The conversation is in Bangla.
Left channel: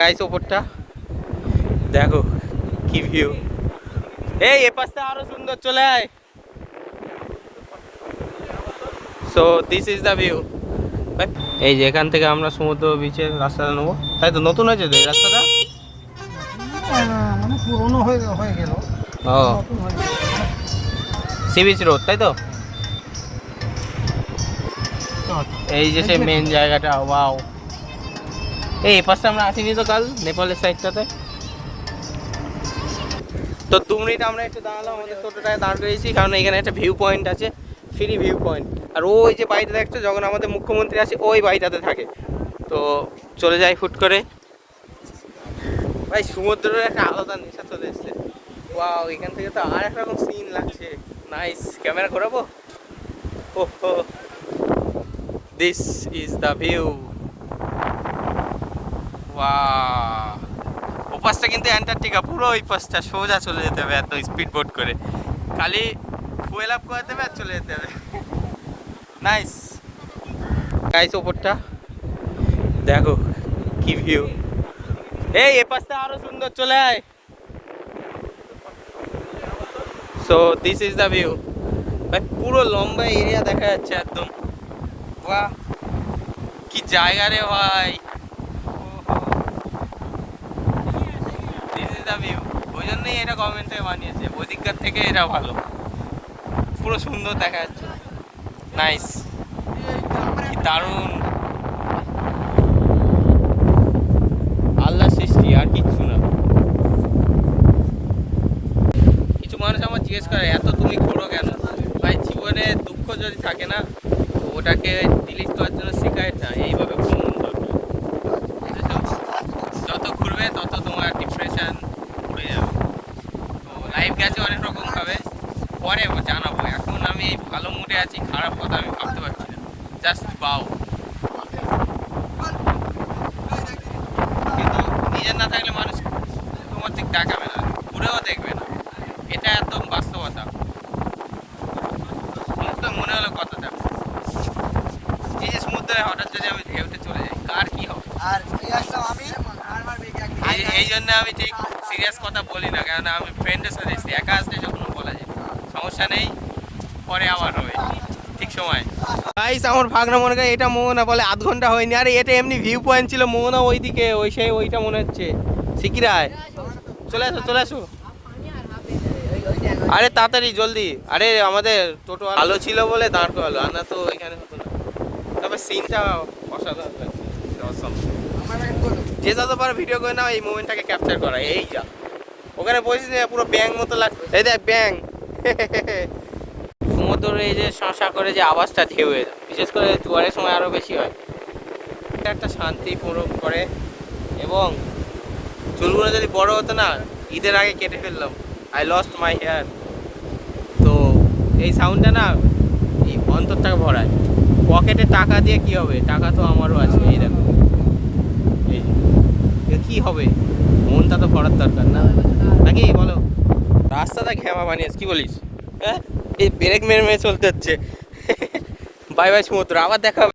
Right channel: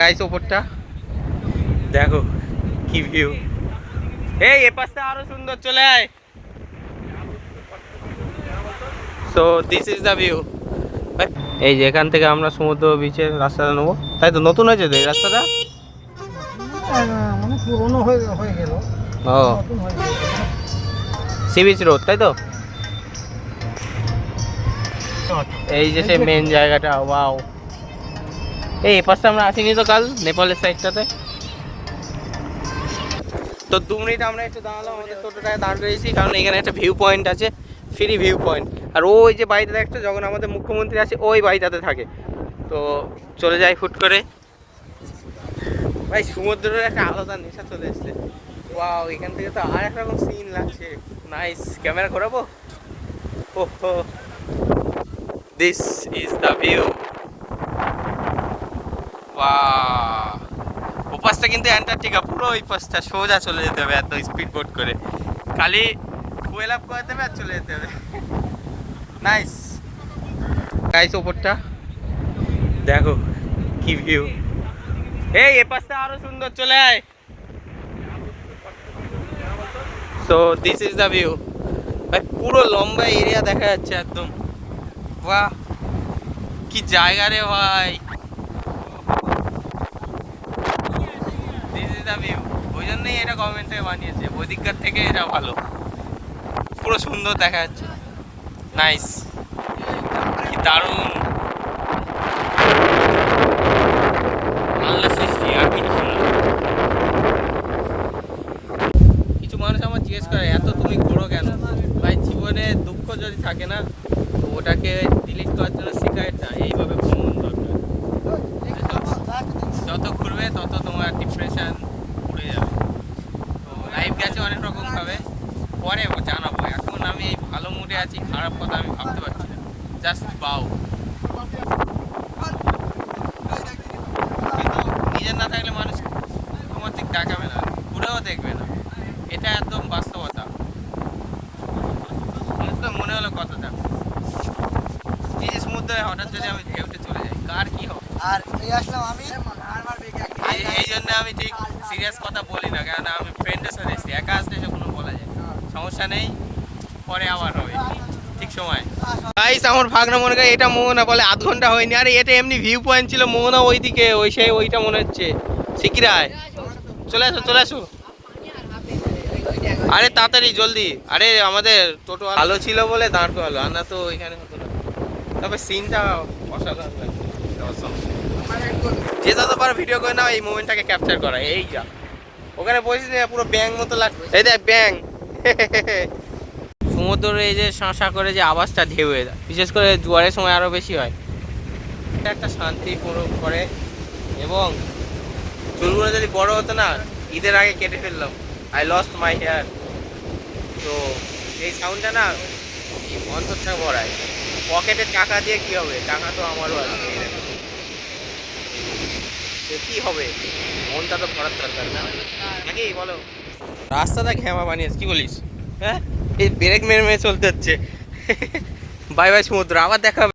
গাইস ওপরটা দেখো কি ভিউ। এই পাশটা আরো সুন্দর, চলে আয়। So this is the view. এই যে এখান থেকে আমরা সমুদ্র বিচের রাস্তাটা নেবো, তাই তো? নতুন হয়েছে তো এই রাস্তাটা? মানে পুরনো হয়ে গেল। ও সি বিচ রোড, তাই তো? এই যে সেই মেন জায়গাটা। ওয়াও, এই পাশটা আমরা আসিনি তো কাল, নেপালের সাইডটাতে। তো 2 মিনিট আমরা একটু দাঁড়ালাম, আমাদের টোটোটায় দাঁড় করেছি কারণ এখানে একটা ভিউ পয়েন্ট আছে, ফ্রি ভিউ পয়েন্ট। আর ওই যে বাড়িটা দেখছো, যখন আমাদের মুখ্যমন্ত্রী আসে ওই বাড়িটাতে থাকে। তো চলে যায় ফুট করে। ভাই সমুদ্রের একটা আলাদা নেশা চলে এসছে। ওয়াও, এখান থেকে তো আর একরকম সিন লাগছে। নাইস, ক্যামেরা ঘোরাবো। ওহো, this is the view. Wow, ওপাশটা কিন্তু অ্যান্টার্কটিকা, পুরো ওই পাশটা সোজা চলে যেতে হবে এত স্পিড বোট করে। খালি ফুয়েল আপ করাতে হবে আর চলে যেতে হবে। নাইস গাইস, ওপরটা দেখো কি ভিউ। এই পাশটা আরো সুন্দর, চলে আয়। So this is the view. ভাই পুরো লম্বা এরিয়া দেখা যাচ্ছে একদম। বাহ, কি জায়গা রে ভাই। This is the view. ওই জন্যই এটা গভর্নমেন্ট থেকে বানিয়েছে, ওই দিককার থেকে এটা ভালো, পুরো সুন্দর দেখা যাচ্ছে। নাইস, কি দারুণ আল্লাহ সৃষ্টি, আর কিছু না। কিছু মানুষ আমার জিজ্ঞেস করে এত তুমি ঘোরো কেন? ভাই জীবনে দুঃখ যদি থাকে না, তো ওটাকে ডিলিট করার জন্য শেখায় না, এইভাবে ভ্রমণ দরকার। যত ঘুরবে তত তোমার ডিপ্রেশন উড়ে যাবে। তো লাইফ গেছে অনেক রকম ভাবে, পরে জানাবো। এখন আমি এই ভালো মুডে আছি, খারাপ কথা আমি ভাবতে পারছি না। জাস্ট বাও। কিন্তু নিজের না থাকলে মানুষ তোমার দিক ডাকাবে না, ঘুরেও দেখবে না। এটা একদম বাস্তবতা। আমার তো মনে হলো কথাটা, এই যে সমুদ্রে হঠাৎ যদি আমি ঢেউতে চলে যাই, কার কি হবে? এই জন্য আমি ঠিক সিরিয়াস কথা বলি না, কারণ আমি ফ্রেন্ডের সাথে এসেছি, একা আসলে যখন বলা যায় সমস্যা নেই, পরে আবার হবে ঠিক সময়। গাইস আমার ভাগনা মনে করে এটা মোহনা, বলে আধ ঘন্টা হয়নি। আরে এটা এমনি ভিউ পয়েন্ট ছিল, মোহনা ওইদিকে, ওই সেই ওইটা মনে হচ্ছে সিকিরায়। চলে আসো চলে আসো, আরে তাড়াতাড়ি জলদি। আরে আমাদের টোটো ভালো ছিল বলে দাঁড় করালো, আর না তো এখানে হতো না। তবে সিনটা অসাধারণ লাগছে। যে যতবার ভিডিও করে না এই মোমেন্টটাকে ক্যাপচার করা। এই যা ওখানে বসেছি পুরো ব্যাং মতো লাগছে, এই দেখ ব্যাং। সমুদ্রের এই যে শাঁসা করে যে আওয়াজটা ঢেউয়ের, বিশেষ করে জোয়ারের সময় আরো বেশি হয়, একটা শান্তি পুরো করে। এবং চুলগুলো যদি বড় হতো না, ঈদের আগে কেটে ফেললাম, আই লস্ট মাই হেয়ার। তো এই সাউন্ডটা না এই অন্তরটাকে ভরায়। পকেটে টাকা দিয়ে কি হবে, টাকা তো আমারও আছে, এই দেখো কি হবে, মনটা তো ভরার দরকার না, নাকি বলো? রাস্তাটা ঘ্যামা বানিয়েছে, কি বলিস? হ্যাঁ, এই ব্রেক মেরে মেরে চলতে হচ্ছে। বাই বাই সমুদ্র, আবার দেখা হবে।